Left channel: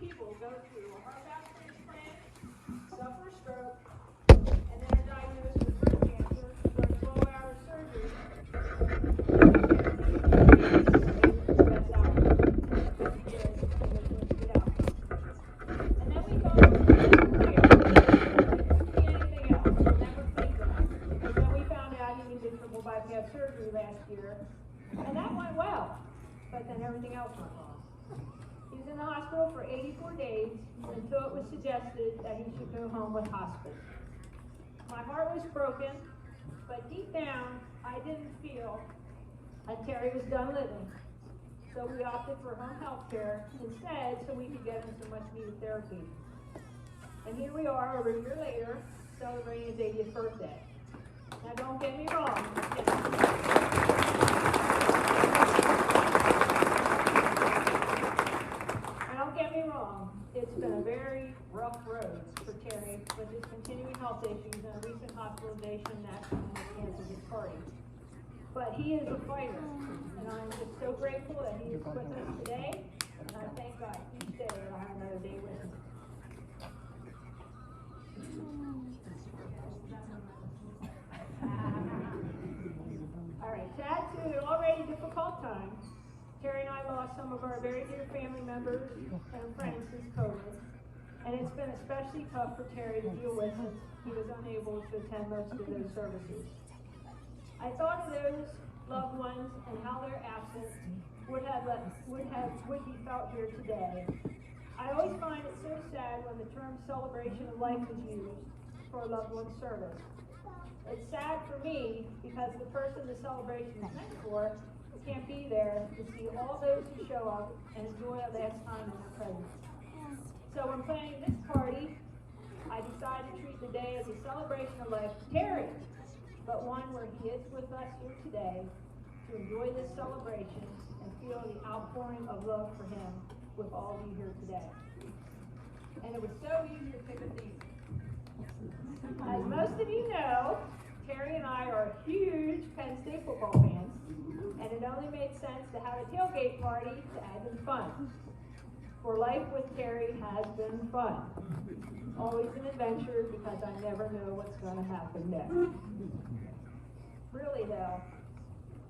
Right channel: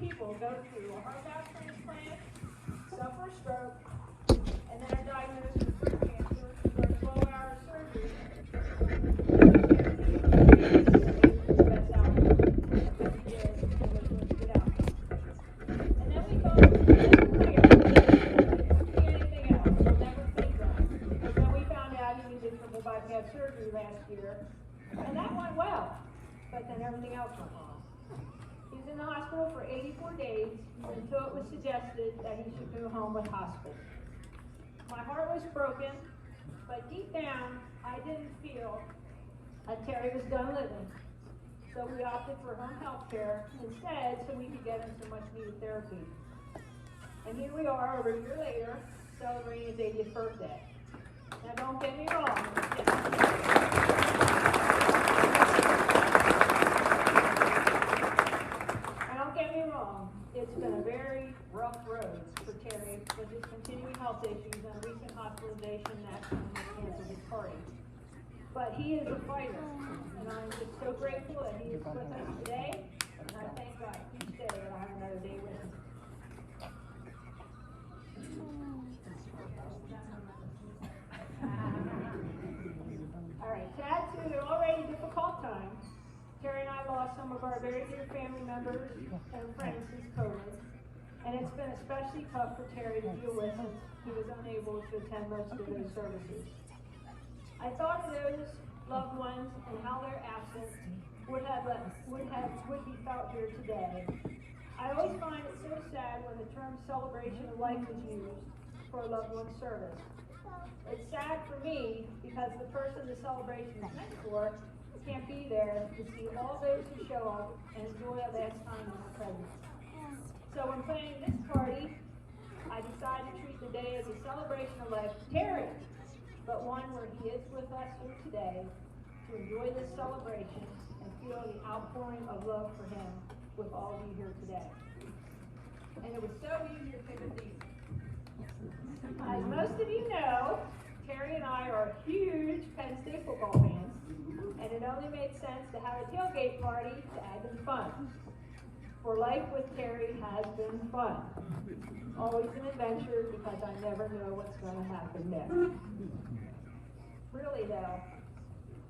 people go through a heart valve transplant, suffer a stroke, and then are diagnosed with breast cancer for a 12-hour surgery. And then we go to the anything else. Never think that. And then we found out he needed triple bypass surgery last year, and that went well. But then everything else went wrong. He was in the hospital for 84 days until it was suggested that he should go home with hospice. My heart was broken, but deep down, I didn't feel that Terry was done living. So we opted for home health care instead so we could get him some much needed therapy. And here we are over a year later, celebrating his 80th birthday. Now don't get me wrong. It's been a very rough road for Terry with his continuing health issues and recent hospitalization after his cancer his party. But he is a fighter, and I'm just so grateful that he is with us today, and I thank God each day that I have another day with him. All right, to add to the already difficult times, Terry and I lost some of our very dear family members and friends since COVID, and it's been especially tough for Terry to deal with since he was unable to attend most of those services. I thought of those loved ones and how their absence would be felt here today. I always find it so sad when the term celebration of life is used for a loved one's service. It's sad for me because the person the celebration is meant for can't be there to see all those who show up and enjoy a last time in the presence. So when planning this party, I decided to treat the day as a celebration of life for Terry, but one where he is with us here today to enjoy this celebration and feel the outpouring of love for him with all of you here today. And it was so easy to pick a theme. As most of you know, Terry and I are huge Penn State football fans, and it only made sense to have a tailgate party to add in fun. For life with Terry has been fun. Always an adventure because I never know what's going to happen next. Really though,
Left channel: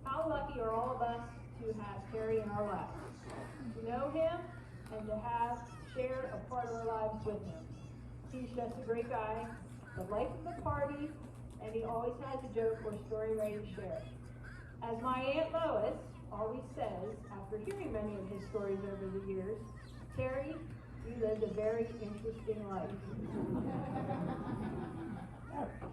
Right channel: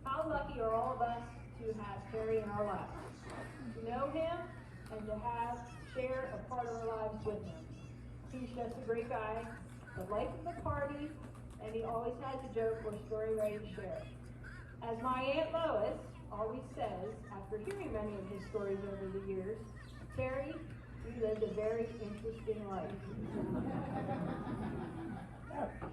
how lucky are all of us to have Terry in our lives, to know him and to have share a part of our lives with him. He's just a great guy, the life of the party, and he always has a joke or story ready to share. As my Aunt Lois always says, after hearing many of his stories over the years, Terry, you lived a very interesting life.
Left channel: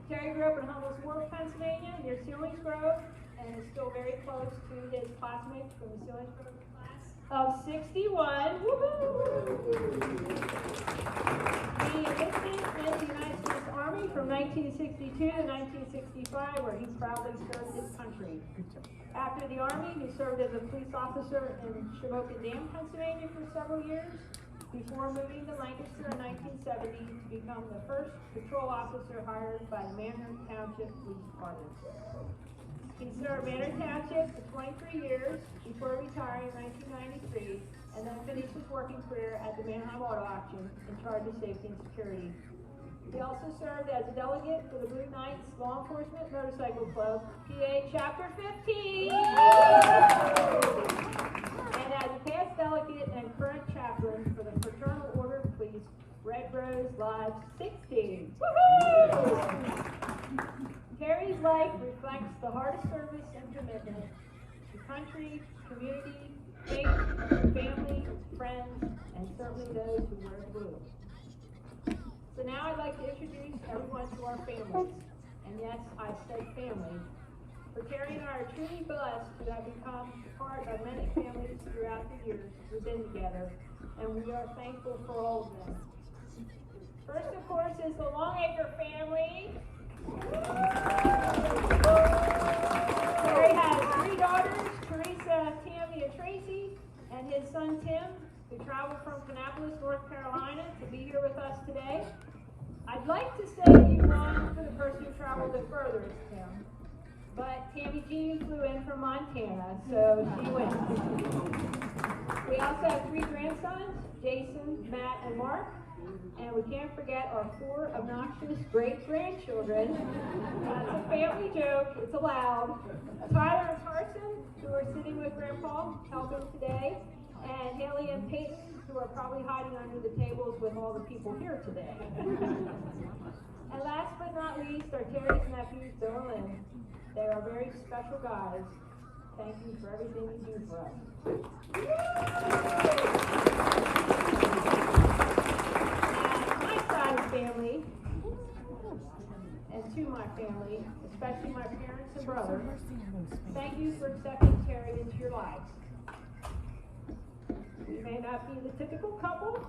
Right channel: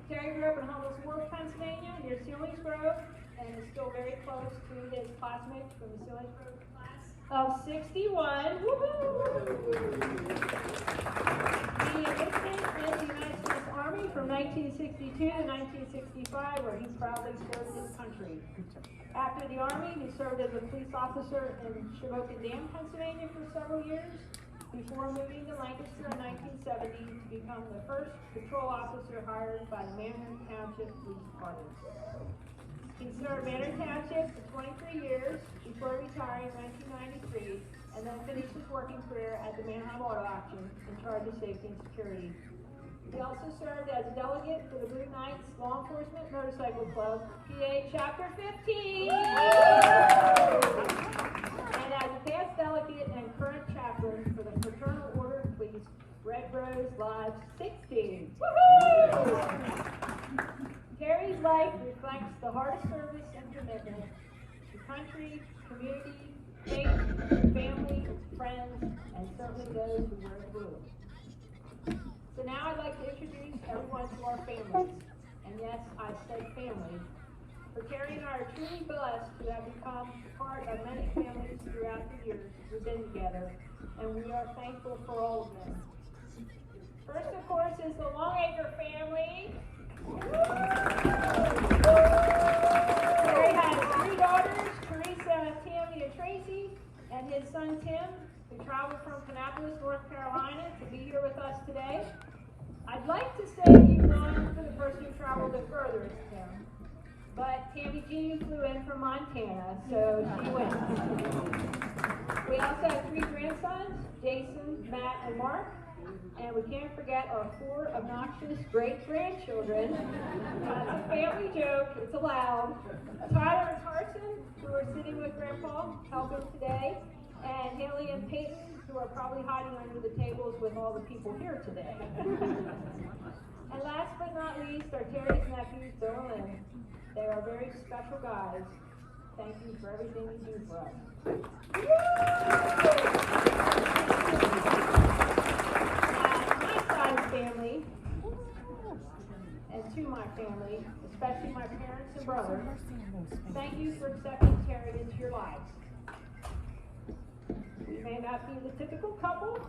Terry grew up in Hummel's Wharf, Pennsylvania, near Selinsgrove, and is still very close to his classmates from the Selinsgrove class of 61. He enlisted in the United States Army from 1962 to 1965, where he proudly served his country. After the Army, he served as a police officer in Shamokin Dam, Pennsylvania for several years, before moving to Lancaster in 1970 to become the first patrol officer hired by the Manhattan Township Police Department. He served Manhattan Township for 23 years before retiring in 1993, and then finished his working career at the Manhattan Auto Auction in charge of safety and security. He also served as a delegate for the Blue Knights Law Enforcement Motorcycle Club, PA Chapter 15, and as a past delegate and current chaplain for the Fraternal Order of Police, Red Rose Lodge 16. Woo-hoo! Terry's life reflects the heart of service and commitment to country, community, faith, family, friends, and certainly those who wear the blue. So now I'd like to introduce everyone to our families. And yes, I said family. For Terry and I are truly blessed to have become part of many families throughout the years we've been together, and we are thankful for all of them. First, of course, is the Longacre family. Terry has 3 daughters, Teresa, Tammy, and Tracy, and his son Tim, who traveled from Kannapolis, North Carolina, to be here with us today. I'd like to say you won for the person who traveled the furthest, Tim. but Tammy G flew in from Montana, so she wins. We also have 3 grandsons, Jason, Matt, and Mark. And we can't forget our 4 obnoxious great-grandchildren. It's a family joke, it's allowed. Tyler and Carson, who are sitting with Grandpa, helping today. And Haley and Peyton, who are probably hiding under the tables with all the people here today. And last but not least, are Terry's nephews, Bill and Lynn. They are very special guys. Thank you for everything you do for us. Family, and to my family, especially my parents and brothers, thank you for accepting Terry into your lives. We may not be the typical couple,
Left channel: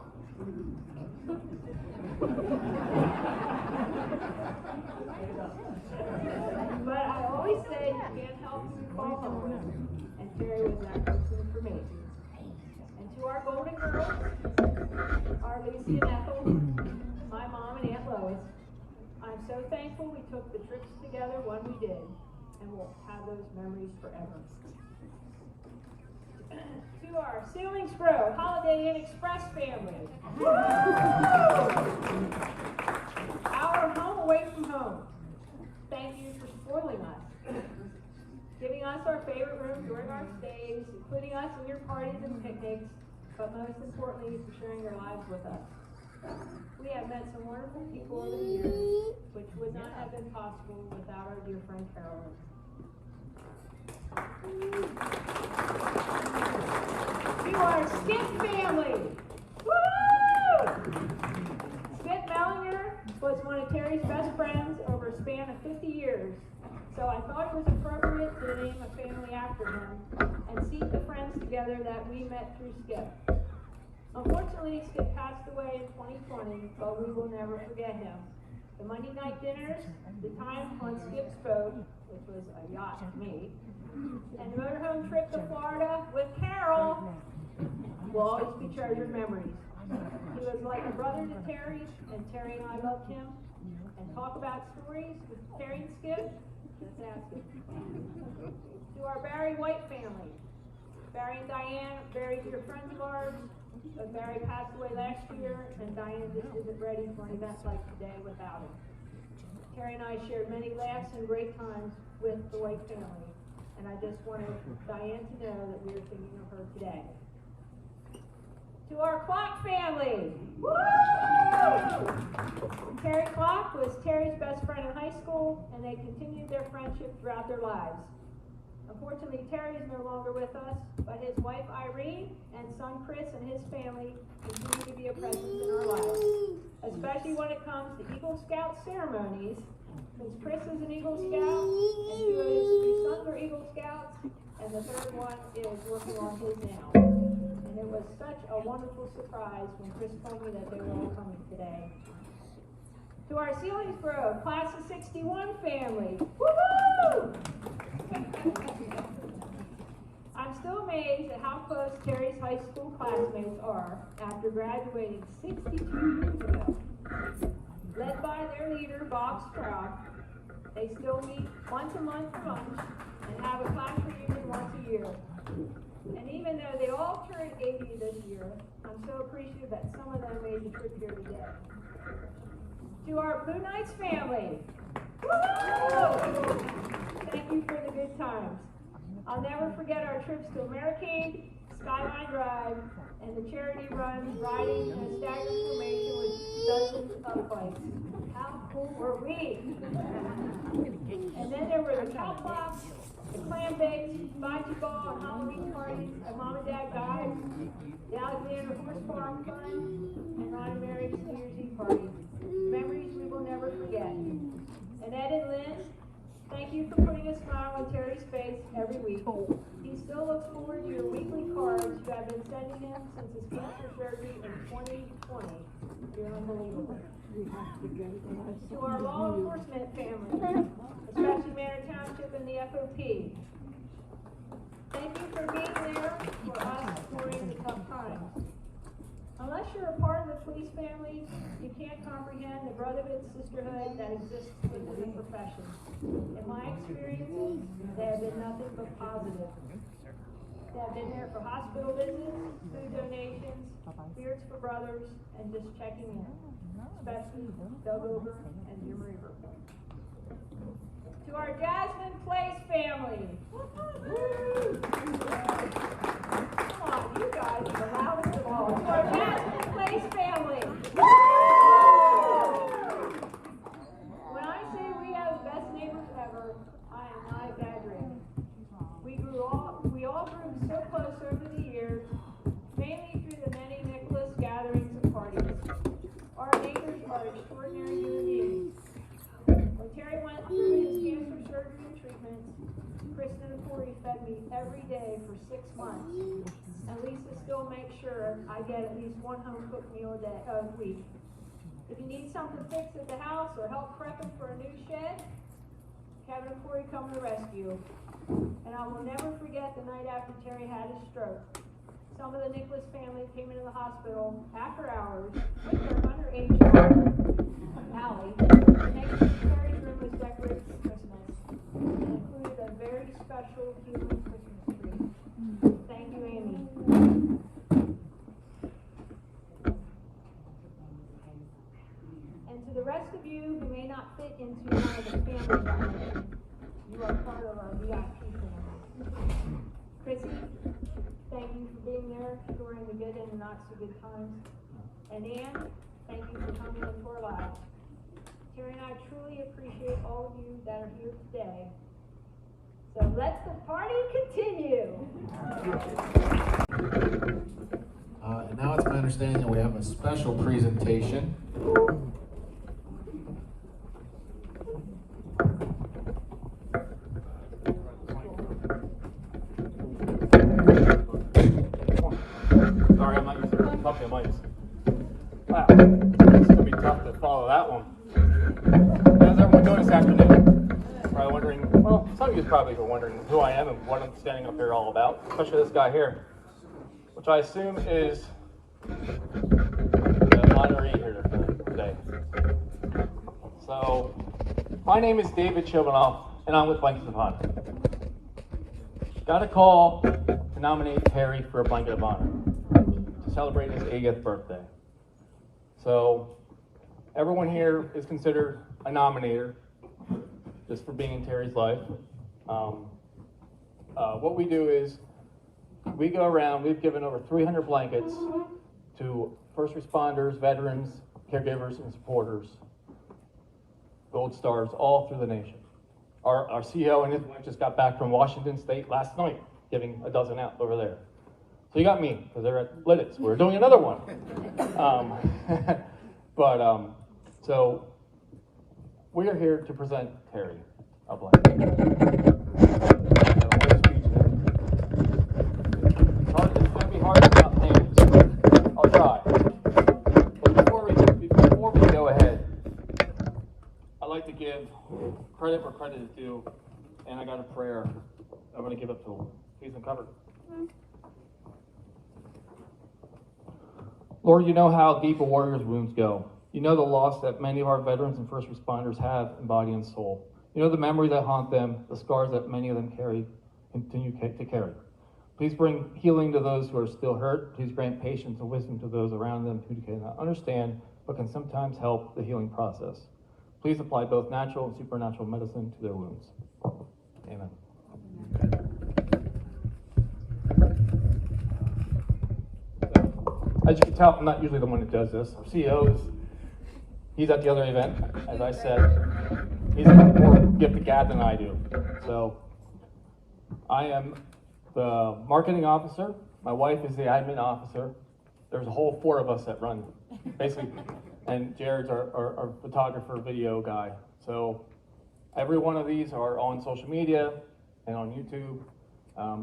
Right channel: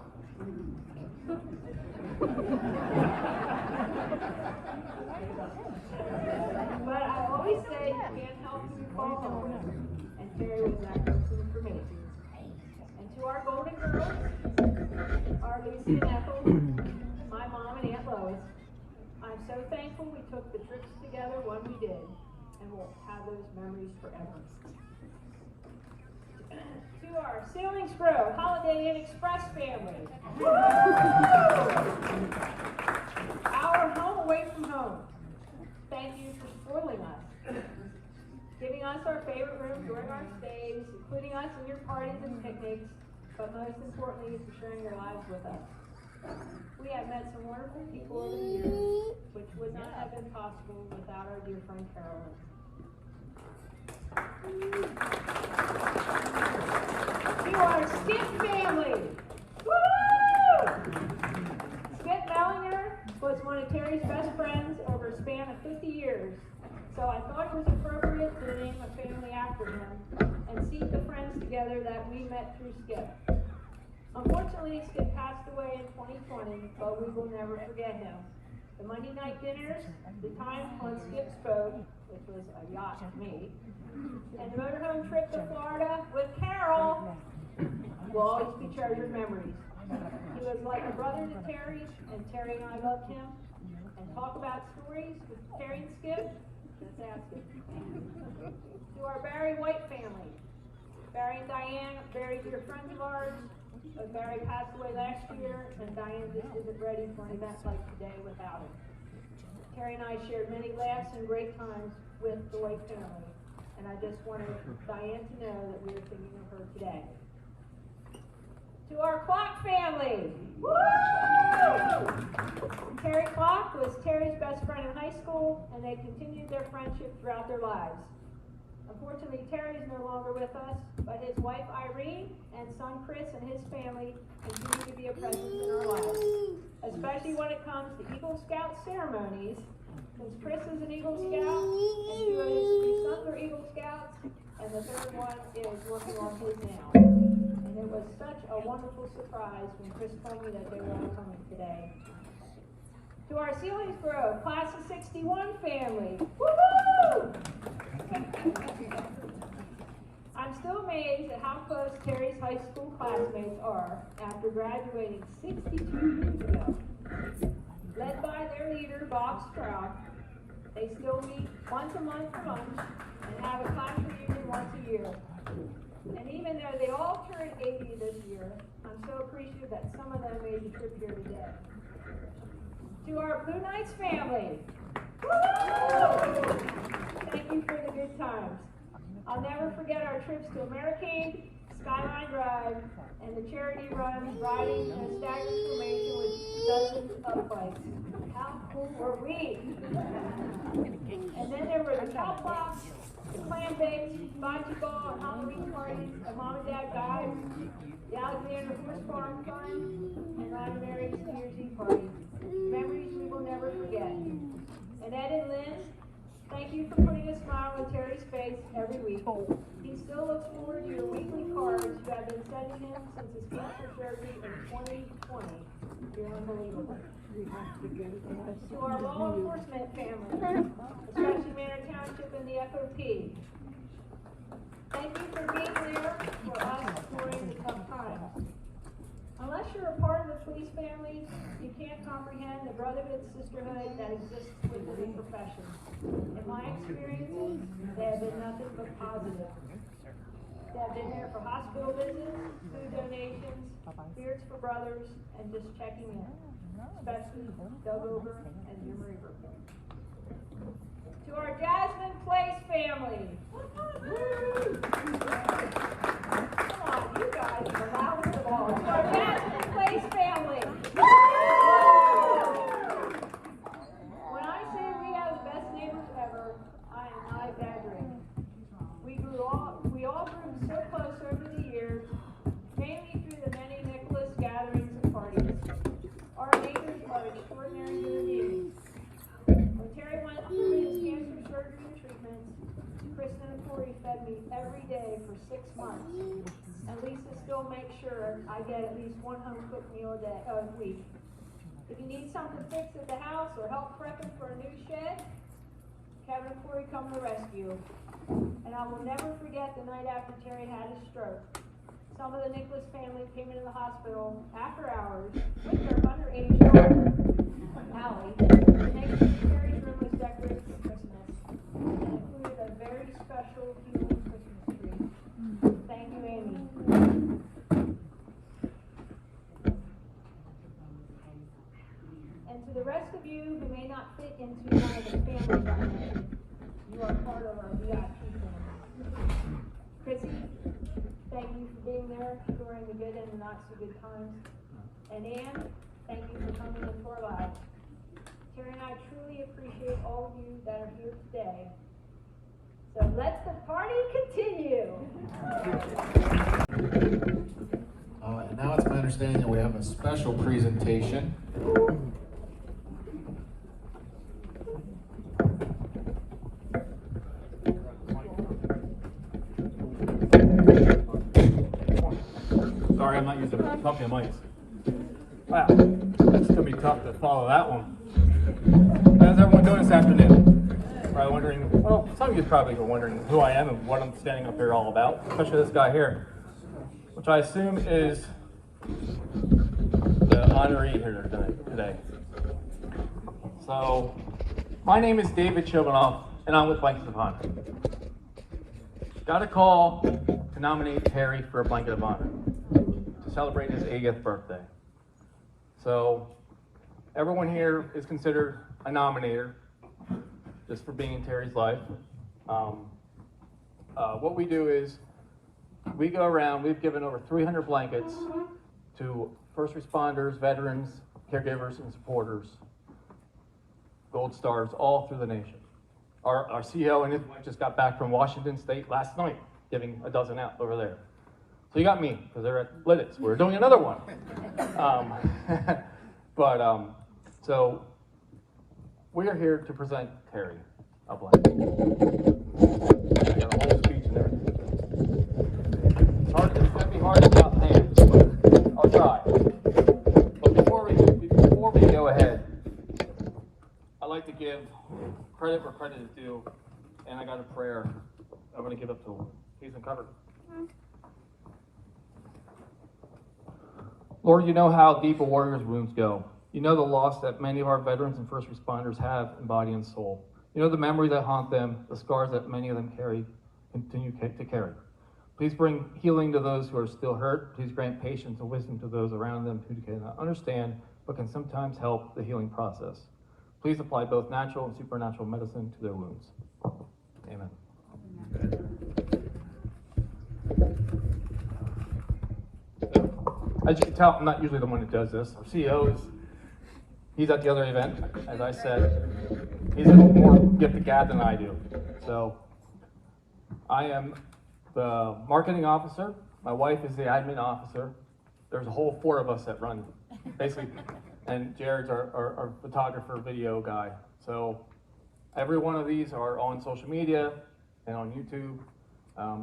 but I always say you can't help who you fall home, and Terry was that person for me. And to our golden girls, our Lucy and Ethel, my mom and Aunt Lois, I'm so thankful we took the trips together when we did, and we'll have those memories forever. To our Sailing Grove Holiday Inn Express family. Our home away from home. Thank you for spoiling us, giving us our favorite room during our stays, including us in your parties and picnics, but most importantly, for sharing your lives with us. We have met some wonderful people over the years, which would not have been possible without our dear friend Carolyn. To our Skip family! Woo! Skip Mellinger was one of Terry's best friends over a span of 50 years, so I thought it was appropriate to name a family after him and seat the friends together that we met through Skip. Unfortunately, Skip passed away in 2020, but we will never forget him. The Monday night dinners, the time on Skip's boat, which was a yacht to me, and the motorhome trip to Florida with Carol will always be treasured memories. He was like a brother to Terry, and Terry and I loved him. And talk about stories with Terry and Skip, let's ask him. To our Barry White family, Barry and Diane, very dear friends of ours. But Barry passed away last year, and Diane just isn't ready for an event like today without him. Terry and I shared many laughs and great times with the White family, and I just wanted Diane to know that we are thinking of her today. To our Clock family! Woo! Terry Clock was Terry's best friend in high school, and they continued their friendship throughout their lives. Unfortunately, Terry is no longer with us, but his wife Irene and son Chris and his family continue to be a presence in our lives, especially when it comes to Eagle Scout ceremonies. Since Chris is an Eagle Scout, and 2 of his 3 sons are Eagle Scouts, and the 3rd one is working on his now. And it was such a wonderful surprise when Chris told me that they were all coming today. To our Selingsboro Class of 61 family, woohoo! I'm still amazed at how close Terry's high school classmates are after graduating 62 years ago. Led by their leader, Bob Stroud, they still meet once a month for lunch and have a class reunion once a year. And even though they all turned 80 this year, I'm so appreciative that some of them made the trip here today. To our Blue Knights family, woo! Thank you for the good times. I'll never forget our trips to American, Skyline Drive, and the charity runs riding in a staggered formation with dozens of bikes. How cool were we? And then there were the cow pops, the clam bakes, bocce ball, and Halloween parties at Mom and Dad Guys, the Alexander Horse Farm Fun, and Ron Mary's New Year's Eve party. Memories we will never forget. And Ed and Lynn, thank you for putting a smile on Terry's face every week. He still looks forward to your weekly cards you have been sending him since his cancer surgery in 2020. You're unbelievable. To our law enforcement family, especially Manor Township and the FOP, thank you for being there for us during the tough times. Unless you're a part of the for police families, you can't comprehend the brotherhood and sisterhood that exists within the profession. In my experiences, they have been nothing but positive. They have been there for hospital visits, food donations, beards for brothers, and just checking in, especially Doug Ober and Jim Reaver. To our Jasmine Place family. Come on, you guys are the loudest of all. To our Jasmine Place family. When I say we have the best neighbors ever, I am not exaggerating. We all grew so close over the years, mainly through the many Nicholas gatherings and parties. Our neighbors are extraordinary human beings. When Terry went through his cancer surgery and treatments, Kristen and Corey fed me every day for 6 months. And Lisa still makes sure I get at least one home-cooked meal a week. If you need something fixed at the house or help prepping for a new shed, Kevin and Corey come to the rescue. And I will never forget the night after Terry had his stroke. Some of the Nicholas family came into the hospital after hours with their underage daughter, Allie, to make sure Terry's room was decorated for Christmas and included a very special human Christmas tree. Thank you, Amy. And to the rest of you who may not fit into one of the families I mentioned, you are part of our VIP family. Chrissy, thank you for being there during the good and the not so good times. And Ann, thank you for coming into our lives. Terry and I truly appreciate all of you that are here today. So let the party continue. And now it's my understanding that we have a special presentation. Sorry, I might use a couple of mics. Wow, it's going to be tough to follow that one. How's everyone doing this afternoon? Probably wondering, well, some of you probably were wondering who I am and what I'm standing up here all about, especially this guy here, which I assume is the honoree here today. So, my name is David Chivanoff, and I'm with Blanket of Honor. Got a call to nominate Terry for a Blanket of Honor to celebrate his 80th birthday. So, everyone here is considered a nominator, just for being in Terry's life. What we do is, we go around, we've given over 300 blankets to first responders, veterans, caregivers, and supporters, Gold Stars, all through the nation. Our CEO and his wife just got back from Washington State last night, giving a dozen out over there. So you got me, because they're at Lidditz. We're doing another one. So we are here to present Terry a blanket. It's going to be hard without names. I'll try. But before we go ahead, I'd like to give credit where credit is due, and I got a prayer I'm going to give up to him. He's uncovered. Lord, you know how deep a warrior's wounds go. You know the loss that many of our veterans and first responders have in body and soul. You know the memory that haunt them, the scars that many of them continue to carry. Please bring healing to those who are still hurt. Please grant patience and wisdom to those around them who cannot understand, but can sometimes help the healing process. Please apply both natural and supernatural medicine to their wounds. Amen. As you can tell, I'm not usually the one that does this. Our CEO he's at the other event, as I said. He's more gift of gab than I do. So I am the marketing officer. My wife is the admin officer. There's a whole 4 of us that run, basically. And Jared's our photographer, video guy. So every one of these are on social media and on YouTube.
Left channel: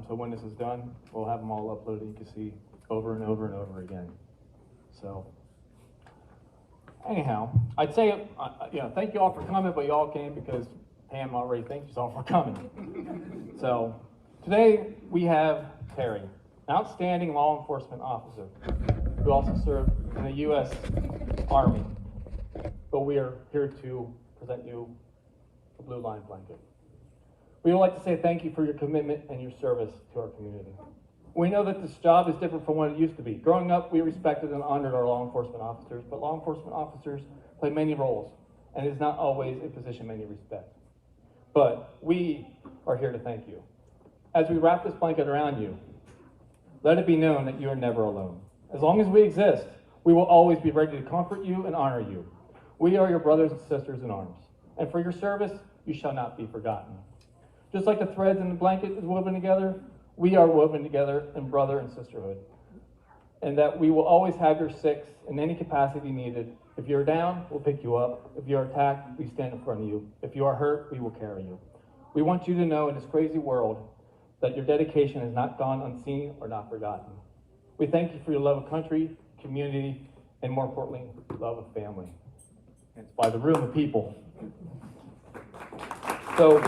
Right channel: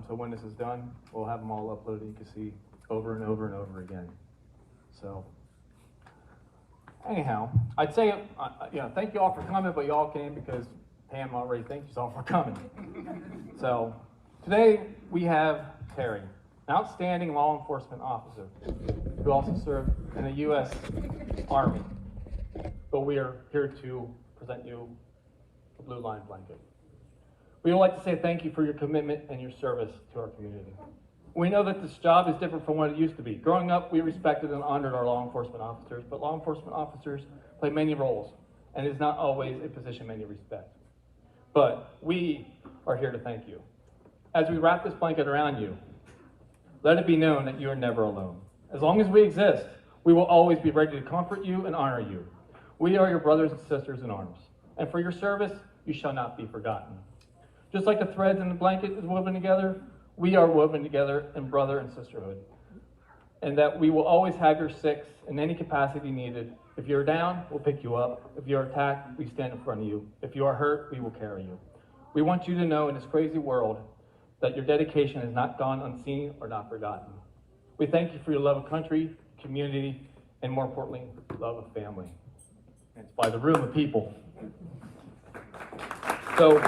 So when this is done, we'll have them all uploaded. You can see over and over and over again. So anyhow, I'd say, thank you all for coming, but you all came because Pam already thanked you all for coming. So today we have Terry. outstanding law enforcement officer who also served in the U.S. Army. But we are here to present you a Blue Line blanket. We would like to say thank you for your commitment and your service to our community. We know that this job is different from what it used to be. Growing up, we respected and honored our law enforcement officers, but law enforcement officers play many roles, and it is not always a position many respect. But we are here to thank you. As we wrap this blanket around you, let it be known that you are never alone. As long as we exist, we will always be ready to comfort you and honor you. We are your brothers and sisters in arms, and for your service, you shall not be forgotten. Just like the threads in the blanket is woven together, we are woven together in brother and sisterhood. And that we will always have your six in any capacity needed. If you're down, we'll pick you up. If you're attacked, we stand in front of you. If you are hurt, we will carry you. We want you to know in this crazy world that your dedication has not gone unseen or not forgotten. We thank you for your love of country, community, and more importantly, love of family. It's by the room of people. So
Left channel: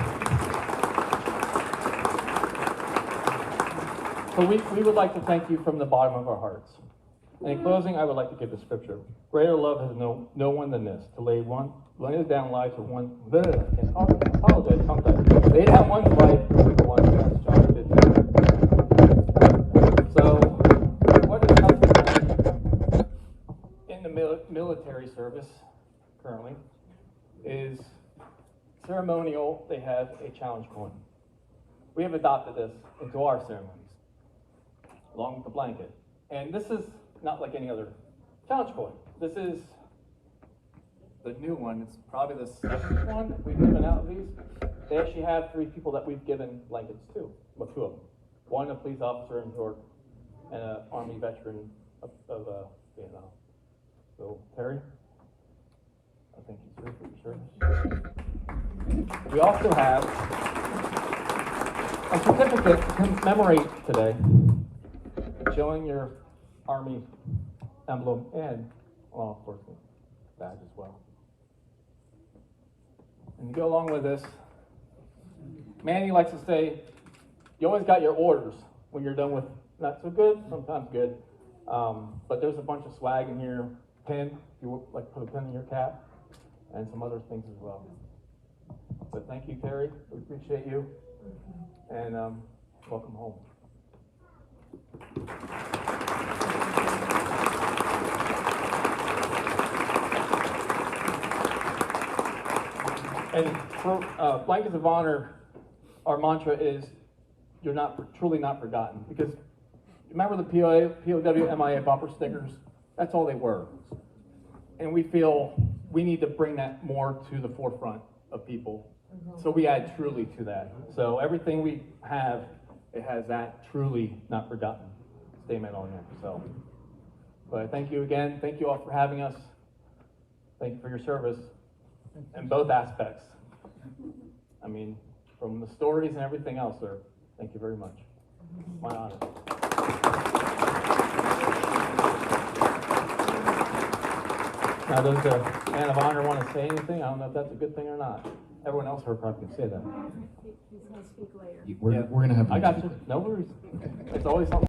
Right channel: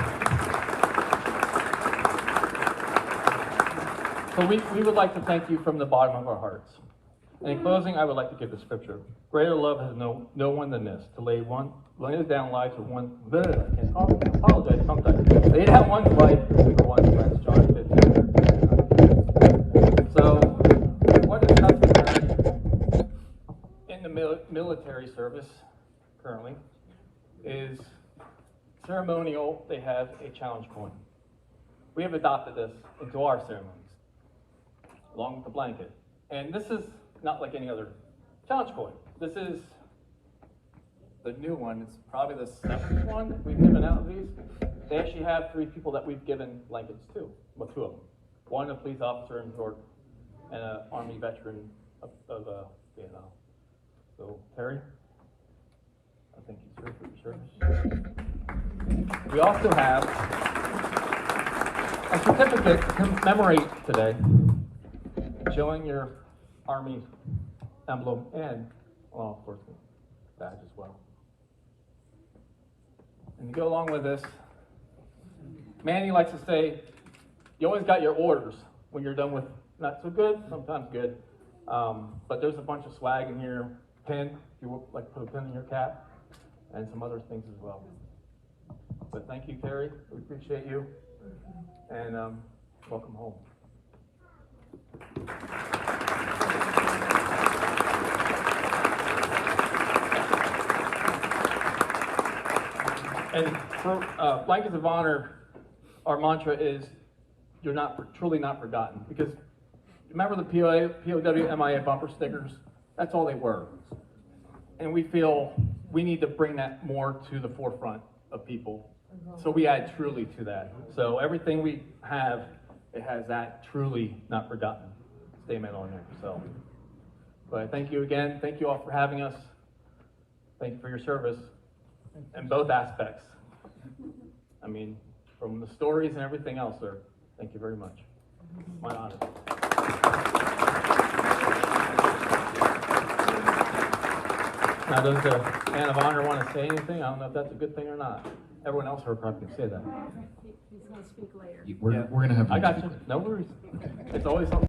we would like to thank you from the bottom of our hearts. And in closing, I would like to give the scripture. Greater love has no one than this, to lay down lives of one. I apologize sometimes. Lay down one's life for one, as John did. So, what is happening in the military service currently is ceremonial. They have a challenge coin. We have adopted this into our ceremonies, along with the blanket. And this is not like any other challenge coin. This is the new one. It's probably the second one we've given out of these. They actually have 3 people that we've given blankets to. Well, 2 of them. One, a police officer in New York, and an Army veteran of Vietnam. So, Terry, I thank you, sir, for your service. We also have a certificate to commemorate today, showing your Army emblem and law enforcement badge as well. And to go along with this, Manny likes to say, you always got your orders when you're done with not so good, sometimes good. But there's a bunch of swag in here, pen, if you would like to put a pen in your cap, and some other things as well. But thank you, Terry. We appreciate you. And welcome home. And for Blankets of Honor, our mantra is, you're truly not forgotten. Because remember the POW MIA bumper stickers? That's all they were. And we feel we need to bring that more to the forefront of people. So we add truly to that. So everything we have, it has that truly not forgotten statement on there. So, but thank you again. Thank you all for having us. Thank you for your service in both aspects. I mean, from the stories and everything else, sir. Thank you very much. My honor. Now, does the man of honor want to say anything? I don't know if that's a good thing or not. Everyone else heard probably can say that. He's going to speak later. We're going to have to. I got you. No worries. It's always something.